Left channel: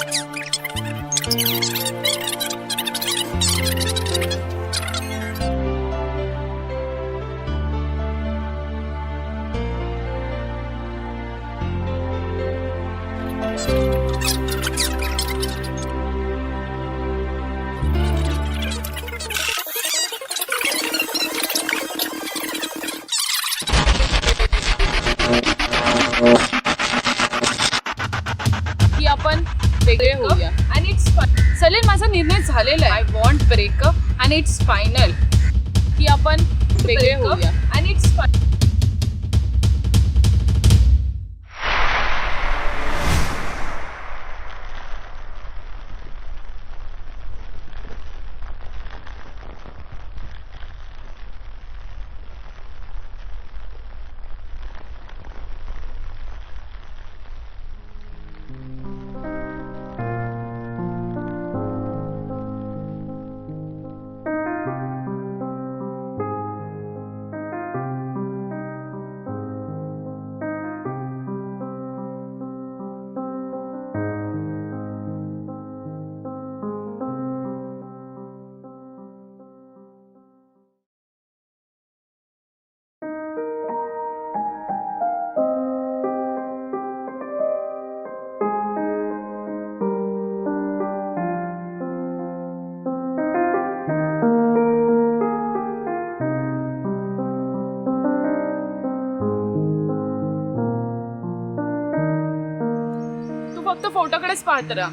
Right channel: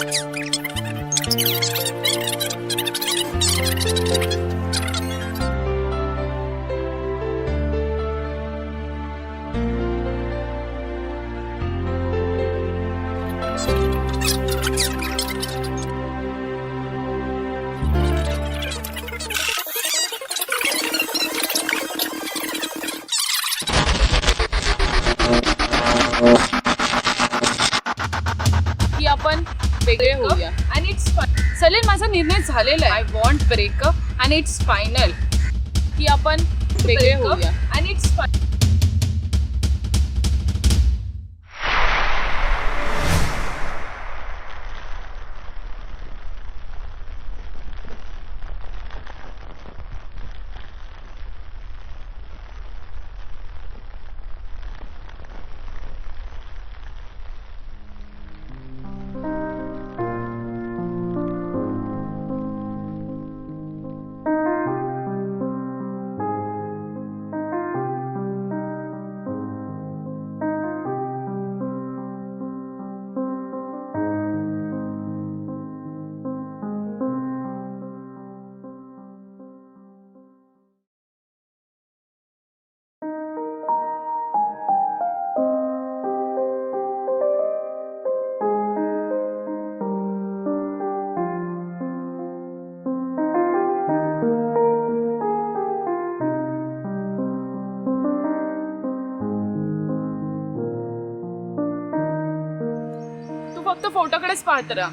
की आपण वेगळे होऊया आणि इट्स सलील माझा निर्णय झालेला आहे. आय वॉन्ट ब्रेकअप आणि इट्स फायनल. की आपण वेगळे होऊया आणि इट्स तू फक्त फोटोकडेच पाहत राहा.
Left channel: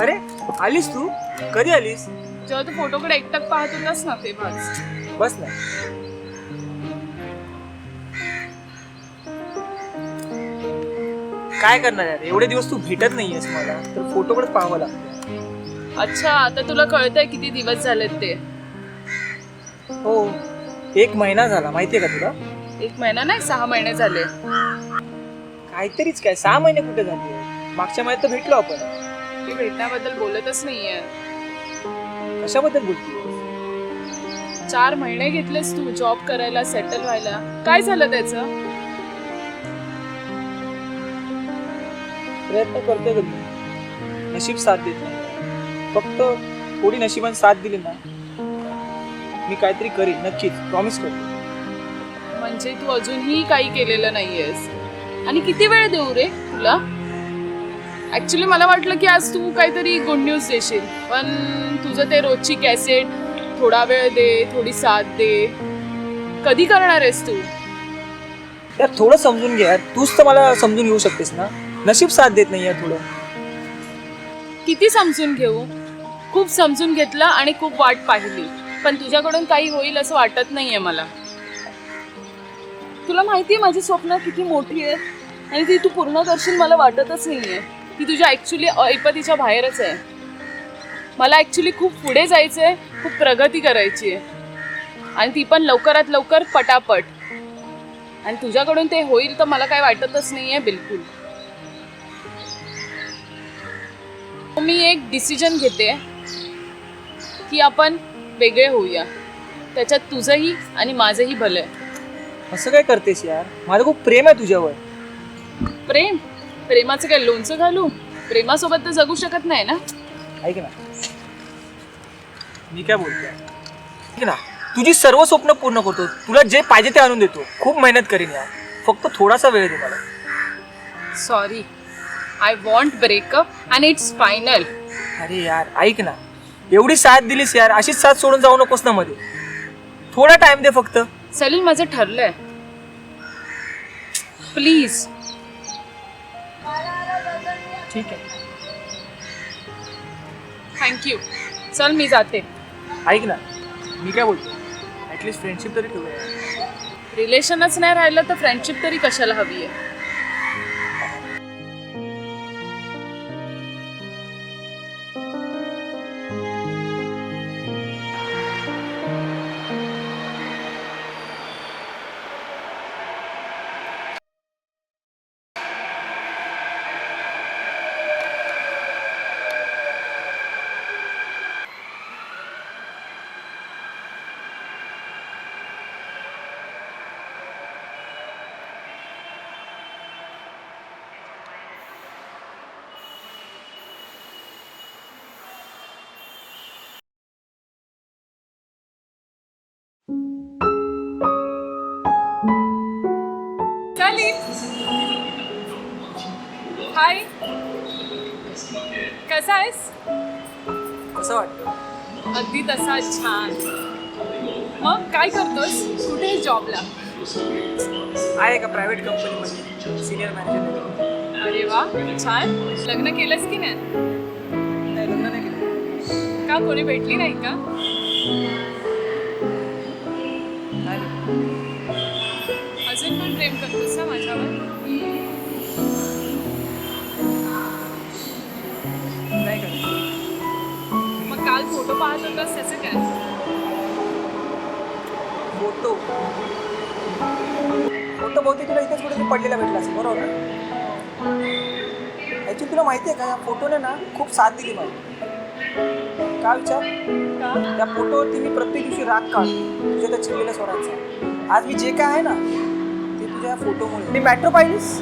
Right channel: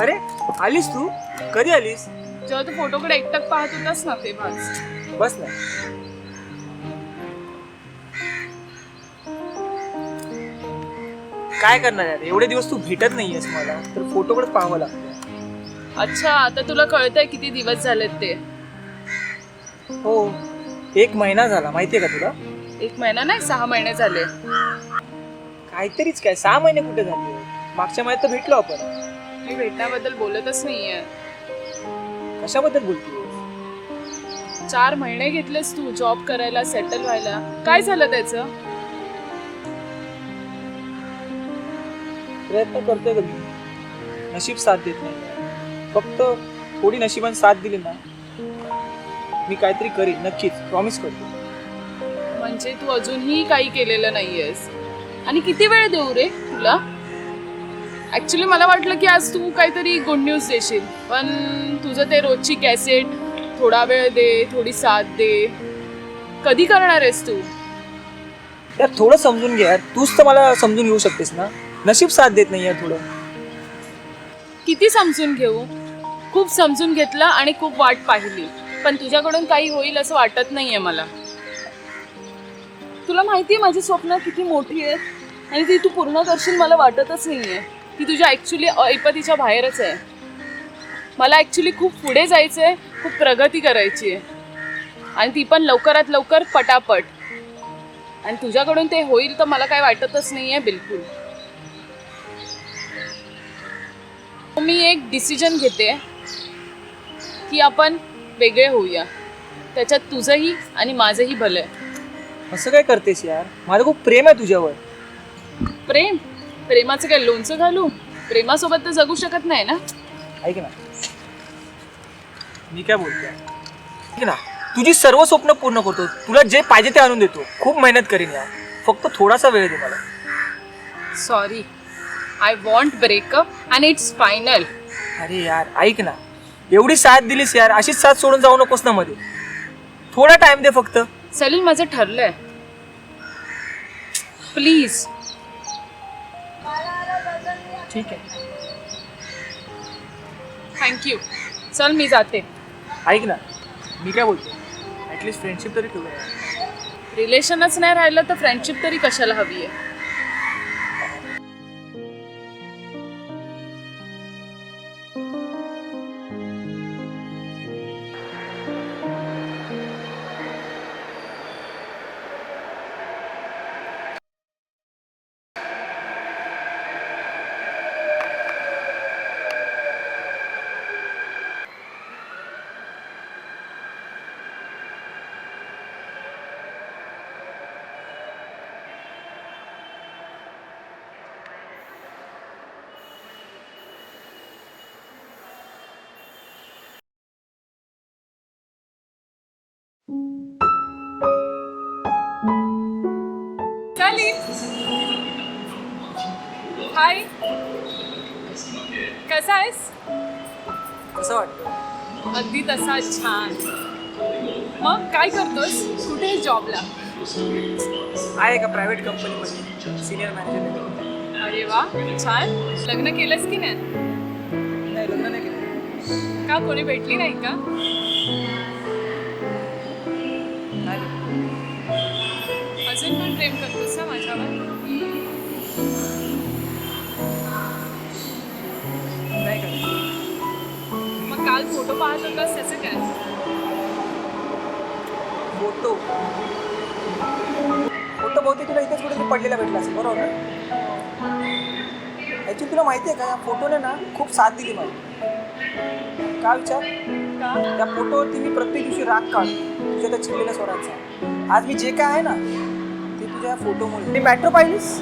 अरे आलीस तू? कधी आलीस? जेव्हा तू फोटोकडे एकटक पाहत होतास ना तेव्हाच. बस ना. काय करणार यार, एवढे दिवस तू भेटत नाहीयेस मला, तर फोटोकडे पाहावं लागतं. अच्छा, आता तुला कळतंय किती दिवस झालेत ते. हो, 1 महिना झाला, माहितीये का तुला? 1 महिना नाही, 6 महिने झाले. यार थोडं समजून घे यार, तूच तर मला समजून घेऊ शकतेस ना. नशीब साथ देत नाही यार थोडं. मी एक डिसिजन घेते की आपण वेगळे होऊया. त्याच्यात तुझंही आणि माझंही भलं आहे. असं काय करतेस यार, माझं खूप प्रेम आहे तुझ्यावर. प्रेमाचं काय लोणचं घालू? प्रेमासोबत तर जगू शकत नाही ना. ऐक ना, मी काय बोलतोय, ऐक ना, तुझी सर्व स्वप्न पूर्ण करतो, तुला जे पाहिजे ते आणून देतो, खूप मेहनत करीन यार, फक्त थोडासा वेळ दे मला. सॉरी, आय वॉन्ट ब्रेकअप आणि इट्स फायनल. अरे यार ऐक ना, एवढी साथ दिलीस यार, अशीच साथ सोडून जाऊ नकोस ना मध्ये. थोडा टाइम दे फक्त. सलील, माझं ठरलंय, प्लीज. ठीक आहे, थँक्यू. चल मी जाते. ऐक ना, मी काय बोलतो, ॲटलिस्ट फ्रेंडशिप तरी ठेवूया. रिलेशनच नाही राहिलं तर फ्रेंडशिप तरी कशाला हवी आहे? सलीम हाय कसा आहेस कसं वाटतं? अगदी तसा छान. मग काय करतोस कुठे आहेस जॉबला? आहे का प्रायव्हेट कंपनीमध्ये सिनियर मॅनेजर. अरे वा छान. लग्न केलंस की नाही? नाही, लग्न नाही केलं. का कोणी भेटली नाही का? नाही भेटलं. अजून पण प्रेम करतोस ना माझ्यावर? नाही केलं. मग काल फोटो पाहत होतास त्याचं काय? फोटो बहुतेक तुला इथेच कुठेतरी पडलेला भेटला असेल, बरोबर ना? ॲक्च्युली तुला माहिती आहे का, या फोटोने ना खूप साथ दिली मला. का विचार? का? या फोटोवरती मी प्रत्येक दिवशी राग काढतो तुझ्या त्या चिडलेल्या स्वरांचा. आज मी जे काय आहे ना ते तुझ्या या फोटोमुळे. मी मेट्रो पाहिलीस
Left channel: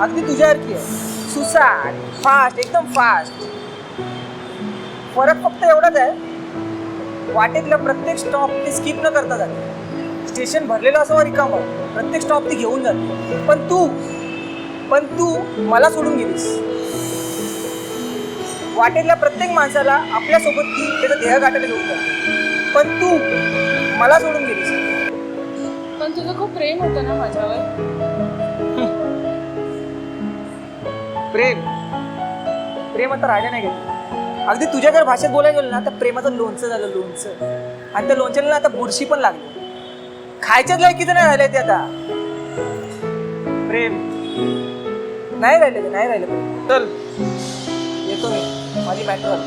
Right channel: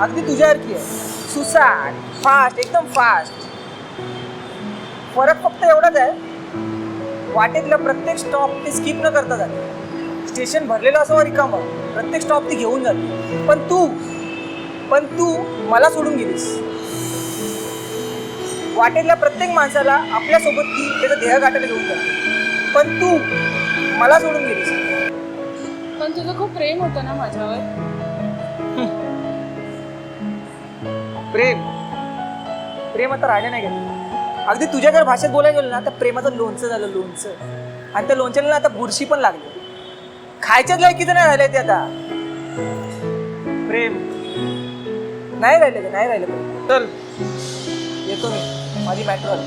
अगदी तुझ्यासारखी आहे, सुसाट, फास्ट, एकदम फास्ट. फरक फक्त एवढाच आहे, वाटेतला प्रत्येक स्टॉप ते स्किप न करता जाते. स्टेशन भरलेलं असं रिकामं, प्रत्येक स्टॉप ती घेऊन जाते. पण तू मला सोडून गेलीस. वाटेतल्या प्रत्येक माणसाला आपल्यासोबत ती त्याचं ध्येय गाठायला घेऊन जाते. पण तू मला सोडून गेलीस. पण तुझं खूप प्रेम होतं ना माझ्यावर. प्रेम आता राहिलं नाही गेलं. अगदी तुझ्याकडे भाषेत बोलायला गेलं ना तर प्रेमाचं लोणचं झालं, लोणचं. आणि त्या लोणच्याला ना आता बुरशी पण लागली. खायच्याच लायकीचं नाही राहिलंय ते आता. प्रेम नाही राहिलं प्रेम. चल येतो मी, माझी मॅट्रो आली.